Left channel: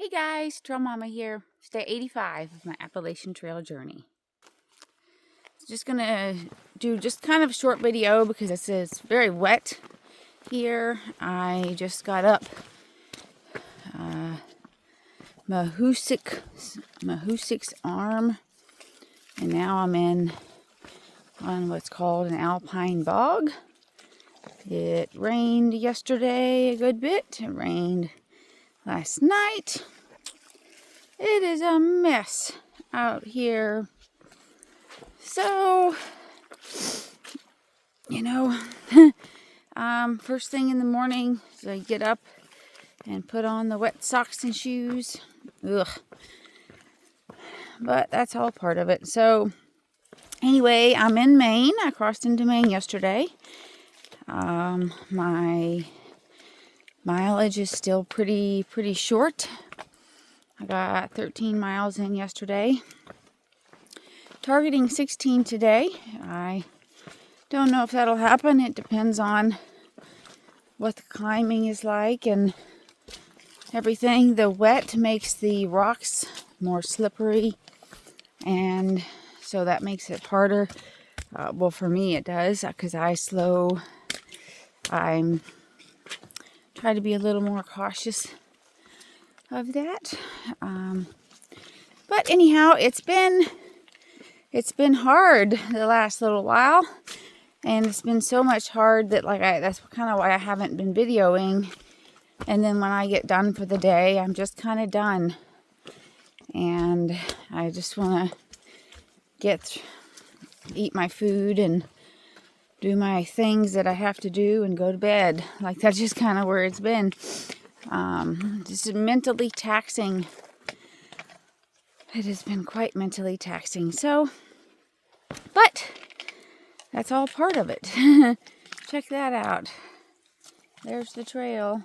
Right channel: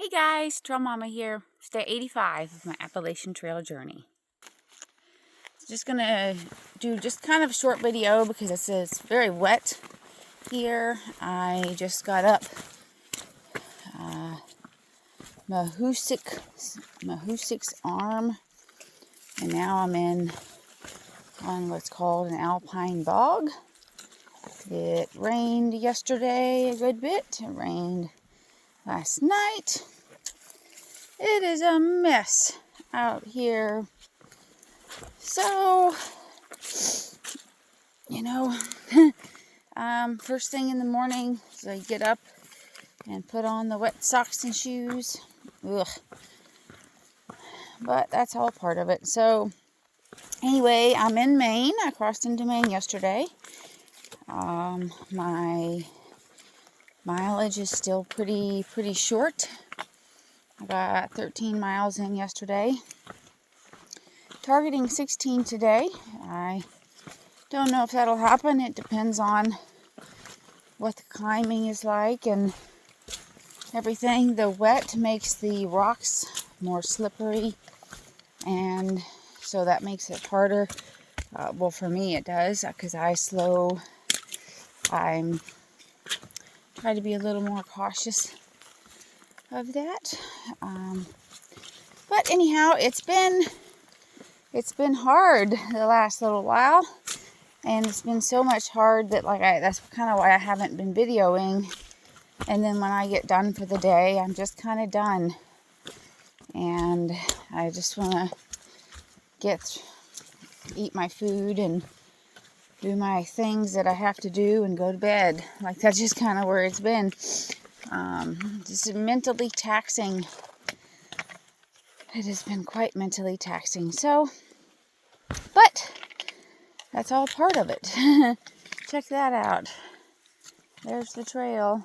Hey guys, Trail Mama here. It's day 85 of my Appalachian Trail journey. Just gonna do just kind of a short video because it's very wet here. I just got up Mahoosik's arm, and now I'm on what's called an alpine bog. It rained yesterday a good bit. It rained last night. It is a mess out here. So, first thing in the morning is I get up and put on the wet socks and shoes. Ugh. But that's all part of it. So, anyway, I'm in Maine. I crossed into Maine yesterday. My mileage is still pretty short. I got 13 miles in yesterday. Targeting 16 today. I don't know if that'll happen. It depends on what the climbing is like and everything. The wet makes the rocks more slippery, and so that makes it harder. Well, for me it does, because I'm trying to be a little more cautious of that. But anyhow, it's been hard the last little while, and it's been so much hard that that's kind of why I haven't been videoing. And then when I get done for the day, I'm just kind of done, and I just want to eat my food and do my things that I have to do and go to bed. That's just kind of where it's been. Just mentally taxing. It has been quite mentally taxing. So, but that's all part of it. Check that out. There's the trail.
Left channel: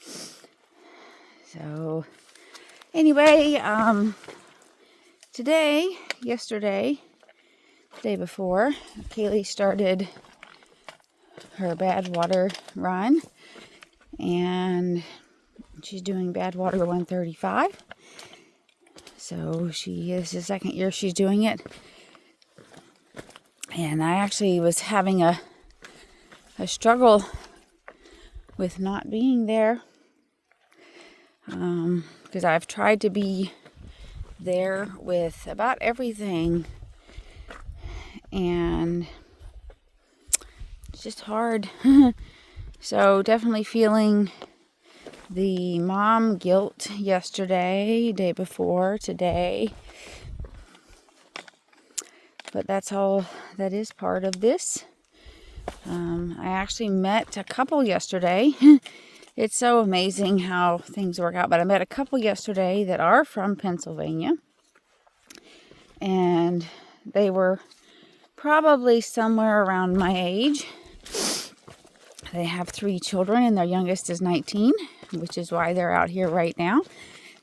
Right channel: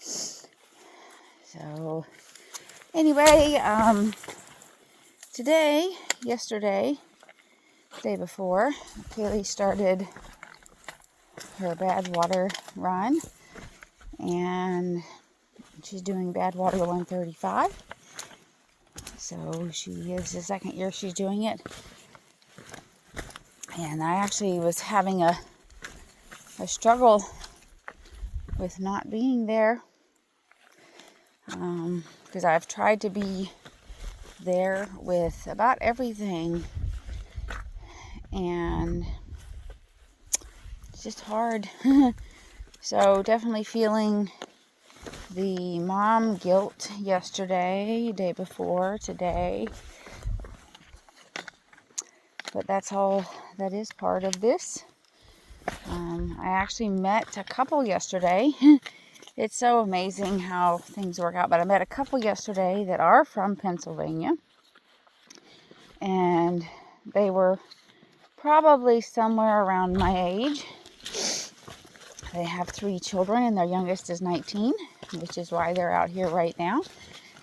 So, anyway, yesterday, day before, Kaylee started her bad water run, and she's doing bad water 135. So she is the second year she's doing it. And I actually was having a struggle with not being there, because I've tried to be there with about everything, and it's just hard. So definitely feeling the mom guilt yesterday, day before, today. But that's all that is part of this. I actually met a couple yesterday. It's so amazing how things work out. But I met a couple yesterday that are from Pennsylvania. And they were probably somewhere around my age. They have 3 children, and their youngest is 19, which is why they're out here right now.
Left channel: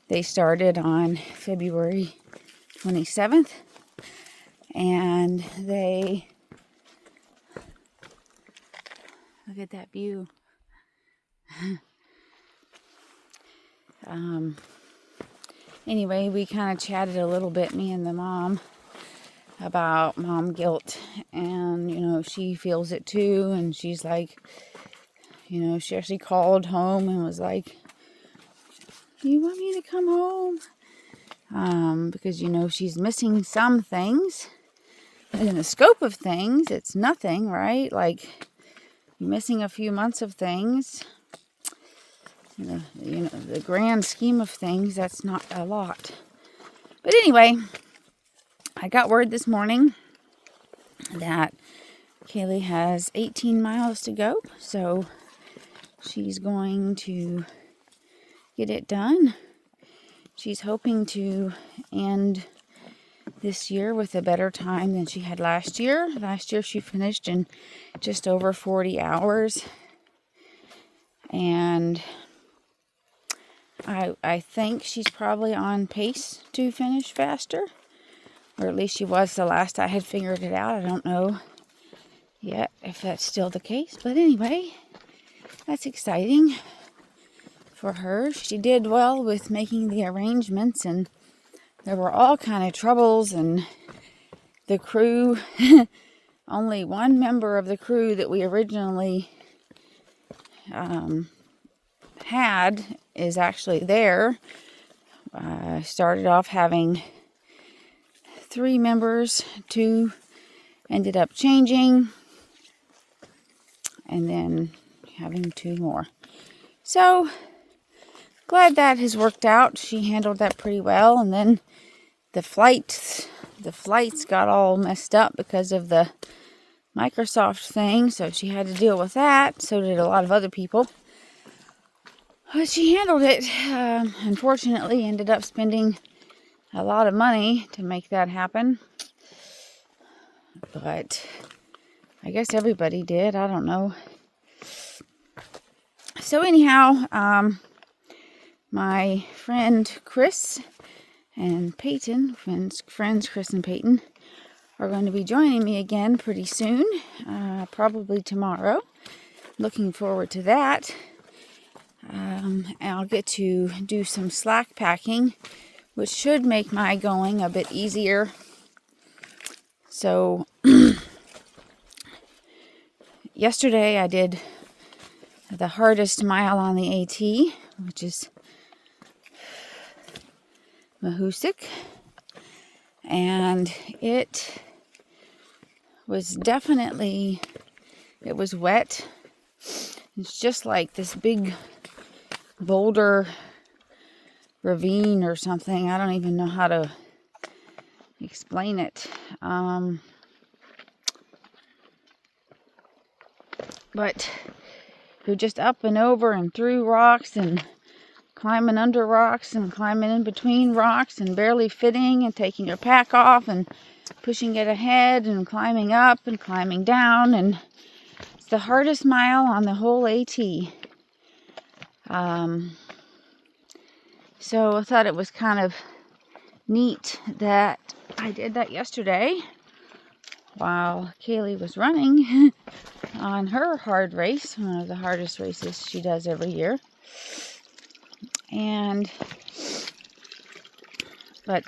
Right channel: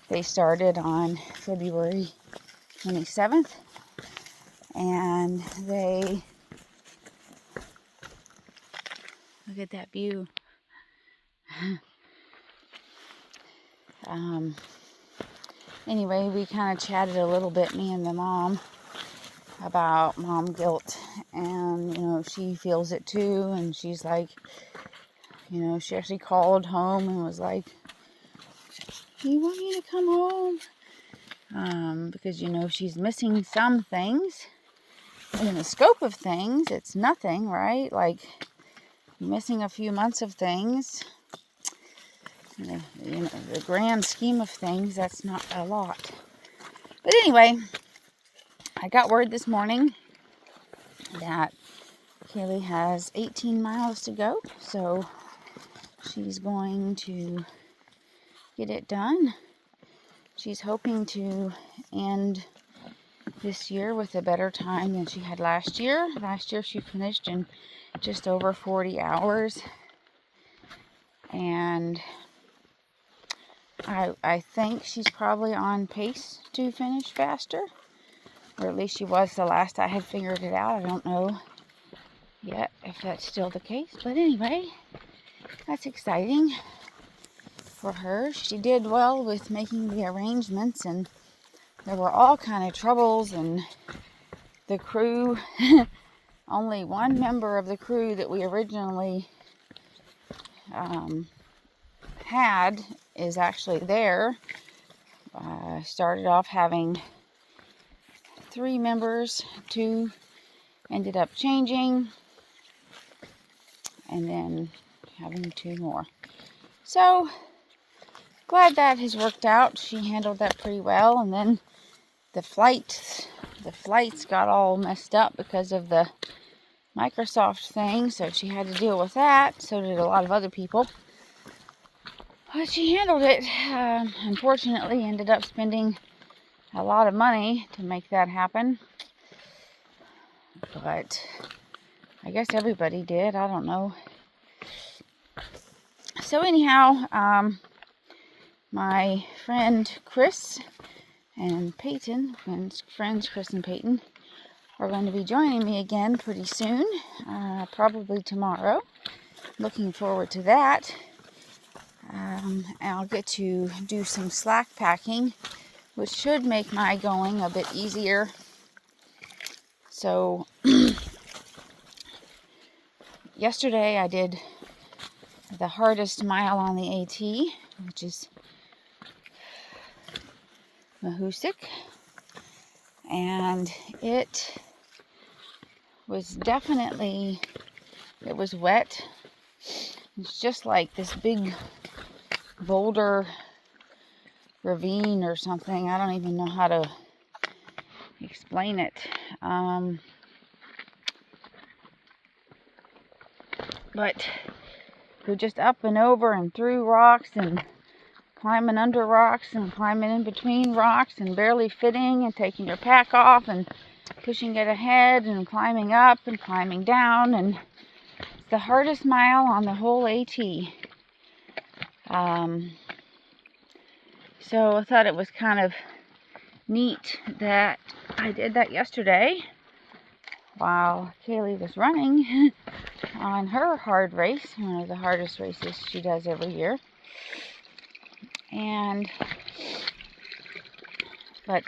They started on February 27th, and look at that view. Anyway, we kind of chatted a little bit, me and the mom, about mom guilt, and she feels it too, and she's like, she actually called home and was like, do you want me to come home? Because she's missing some things. In the scope of things, it's nothing, right? Like, you're missing a few months of things. The grand scheme of things, that's not a lot. But anyway, I got word this morning that Kaylee has 18 miles to go, so she's going to get it done. She's hoping to end this year with a better time than she had last year. Last year she finished in just over 40 hours. And I think she's probably on pace to finish faster. Or at least she was the last I had figured it out. I don't know yet if that's still the case. But anyway, that's exciting for her. She did well with making the arrangements, and there were all kind of troubles, and the crew, only one member of the crew that we originally had is actually there. Started off having 3 members, 2 ended up changing, and then having 2 more. So glad that has worked out. She handled that pretty well. And then the flights got all messed up because of the Microsoft thing, so she had to deal with that. So did a lot of other people. But she handled it. Unfortunately, ended up spending a lot of money to make that happen. But I guess everybody did. I don't know. So anyhow, my friend Chris and Peyton, friends Chris and Peyton, are going to be joining me again pretty soon, probably tomorrow. Looking forward to that. And I'll get to do some slack packing, which should make my going a bit easier. So yesterday I did the hardest mile on the AT, which is Mahoosic, and it was definitely, it was wet. It's just like this big boulder ravine or something. I don't even know how to explain it. But you're just up and over and through rocks and climbing under rocks and climbing in between rocks and barely fitting and taking your pack off and pushing it ahead and climbing up and climbing down. And it's the hardest mile on the whole AT. So I thought it was kind of neat that I did that yesterday while Kaylee was running on her hard race, one of the hardest races she does every year. But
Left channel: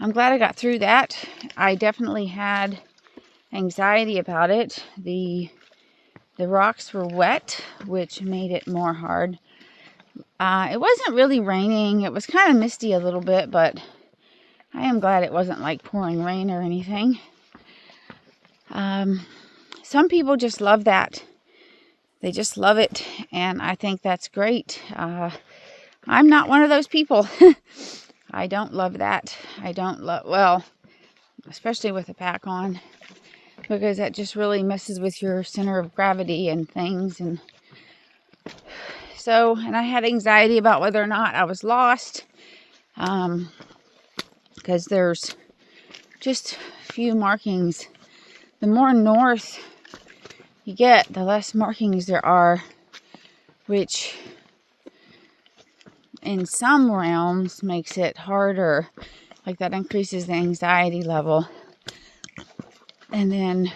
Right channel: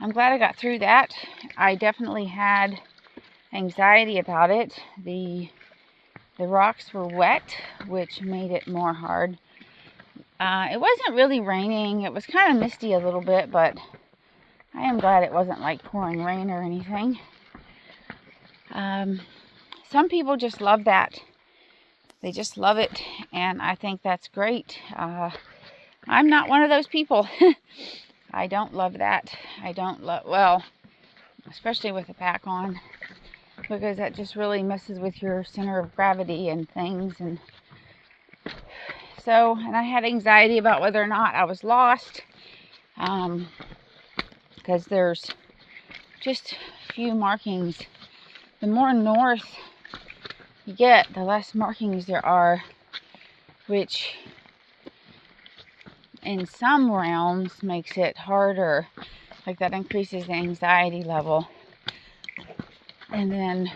I'm glad I got through that. I definitely had anxiety about it. The rocks were wet, which made it more hard. It wasn't really raining. It was kind of misty a little bit, but I am glad it wasn't like pouring rain or anything. Some people just love that. They just love it, and I think that's great. I'm not one of those people. I don't love that. I don't love, well, especially with a pack on, because that just really messes with your center of gravity and things. And so, and I had anxiety about whether or not I was lost, because there's just a few markings. The more north you get, the less markings there are, which in some realms makes it harder. Like that increases the anxiety level. And then,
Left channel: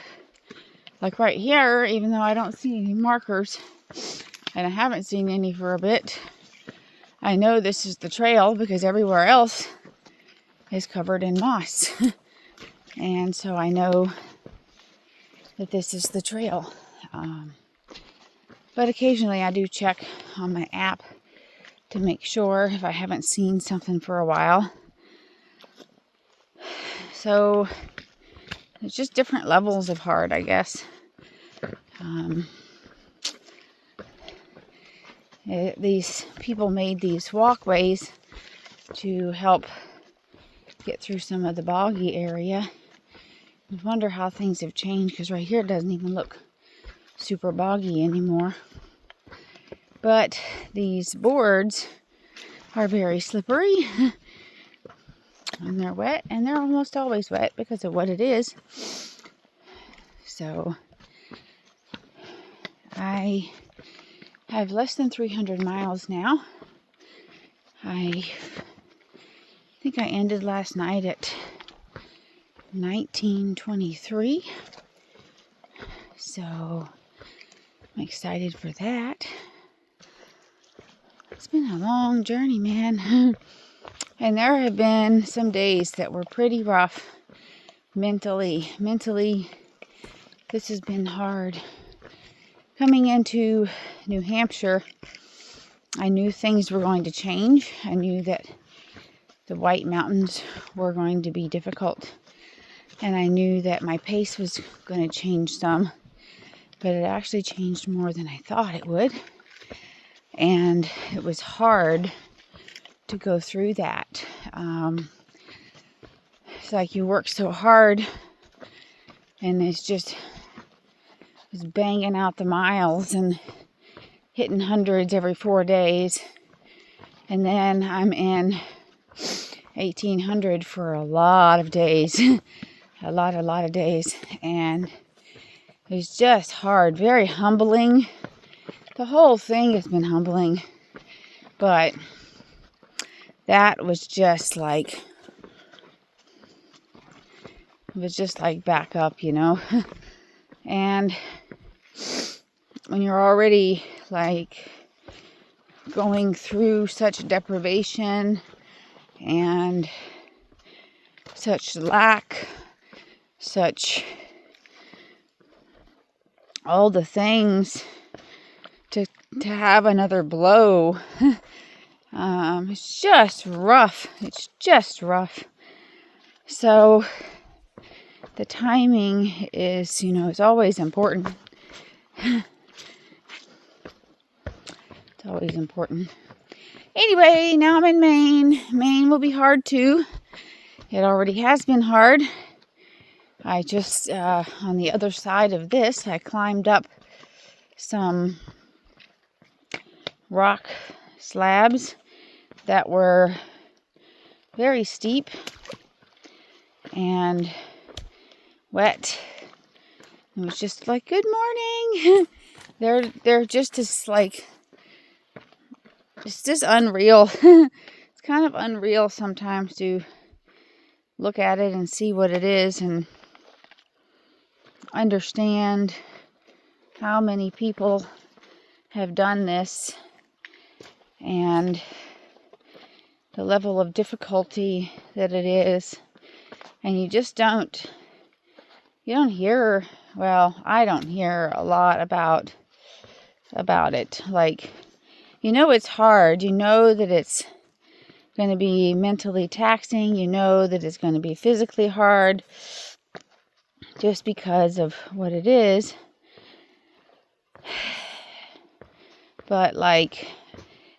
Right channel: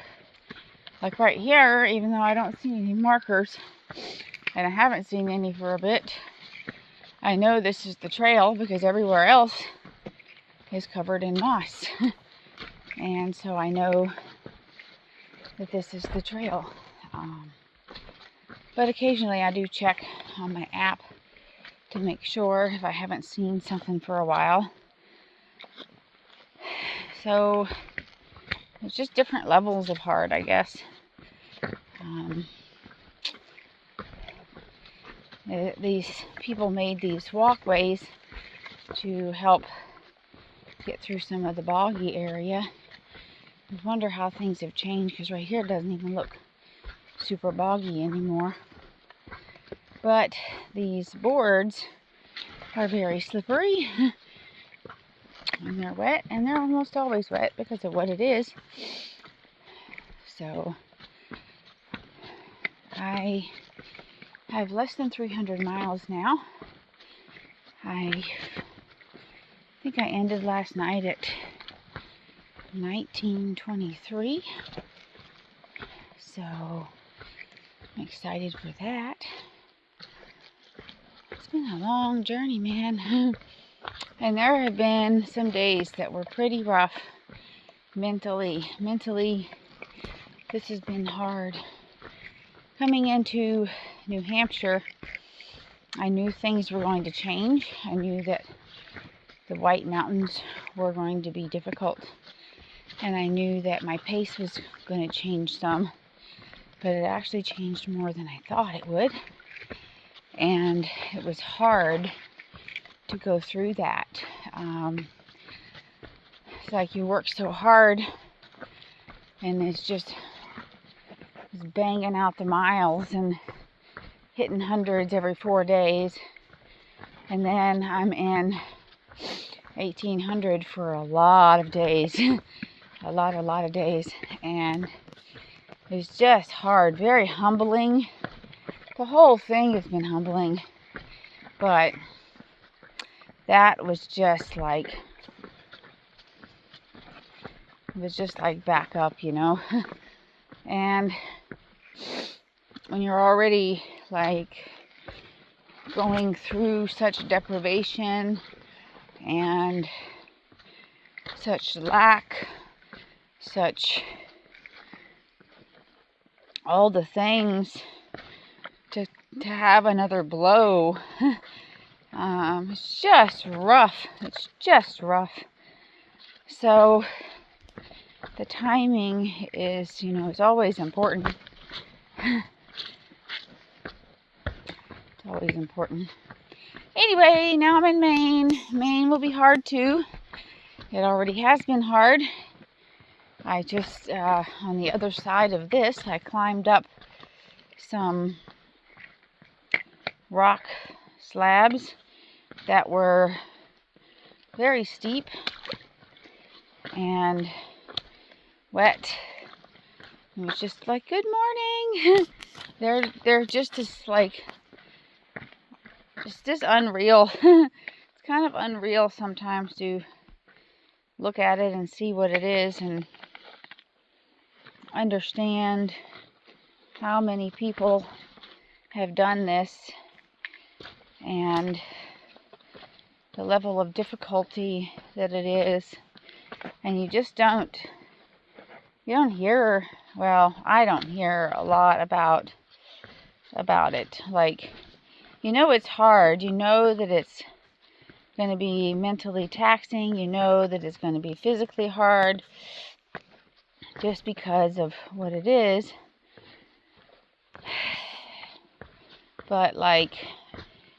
like right here, even though I don't see any markers, and I haven't seen any for a bit, I know this is the trail because everywhere else is covered in moss. And so I know that this is the trail. But occasionally I do check on my app to make sure if I haven't seen something for a while. So it's just different levels of hard, I guess. These people made these walkways to help get through some of the boggy area. I wonder how things have changed, because right here it doesn't even look super boggy anymore. But these boards are very slippery. And they're wet, and they're almost always wet because of what it is. So I have less than 300 miles now. I think I ended last night at 1923. So I'm excited for that. It's been a long journey, man. And there have been some days that were pretty rough mentally. Mentally, this has been hard. Coming into New Hampshire, I knew things were going to change. I knew that the White Mountains were going to be difficult. And I knew that my pace was going to change some. But it actually changed more than I thought it would. And it was hard to go through that. It's like you work so hard and it's just banging out the miles and hitting hundreds every 4 days. And then I'm in 1800 for a lot of days. a lot of days. And it's just hard, very humbling. The whole thing has been humbling. But that was just like, it was just like back up, you know. And when you're already like going through such deprivation and such lack, such all the things, to have another blow, it's just rough. It's just rough. So the timing is, you know, it's always important. It's always important. Anyway, now I'm in Maine. Maine will be hard too. It already has been hard. I just, on the other side of this, I climbed up some rock slabs that were very steep and wet. It was just like, good morning. they're just as like, it's just unreal. It's kind of unreal sometimes to look at it and see what it is and understand how many people have done this and the level of difficulty that it is. And you just don't hear, well, I don't hear a lot about it. Like, you know, it's hard. You know that it's going to be mentally taxing. You know that it's going to be physically hard just because of what it is. But like,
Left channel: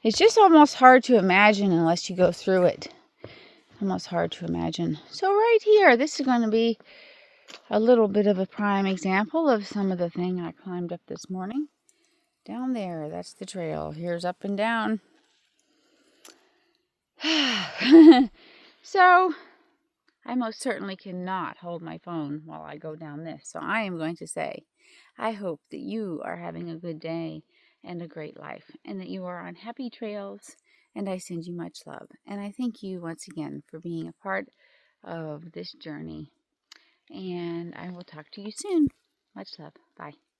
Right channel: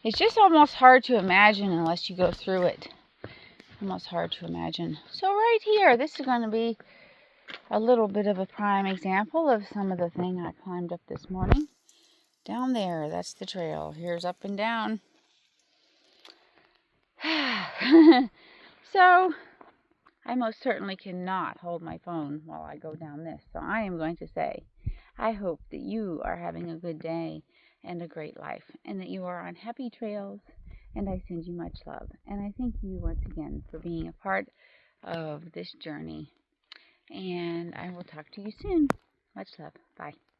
it's just almost hard to imagine unless you go through it. Almost hard to imagine. So right here, this is going to be a little bit of a prime example of some of the thing I climbed up this morning. Down there, that's the trail. Here's up and down. So, I most certainly cannot hold my phone while I go down this. So I am going to say, I hope that you are having a good day and a great life, and that you are on happy trails, and I send you much love. And I thank you once again for being a part of this journey. And I will talk to you soon. Much love. Bye.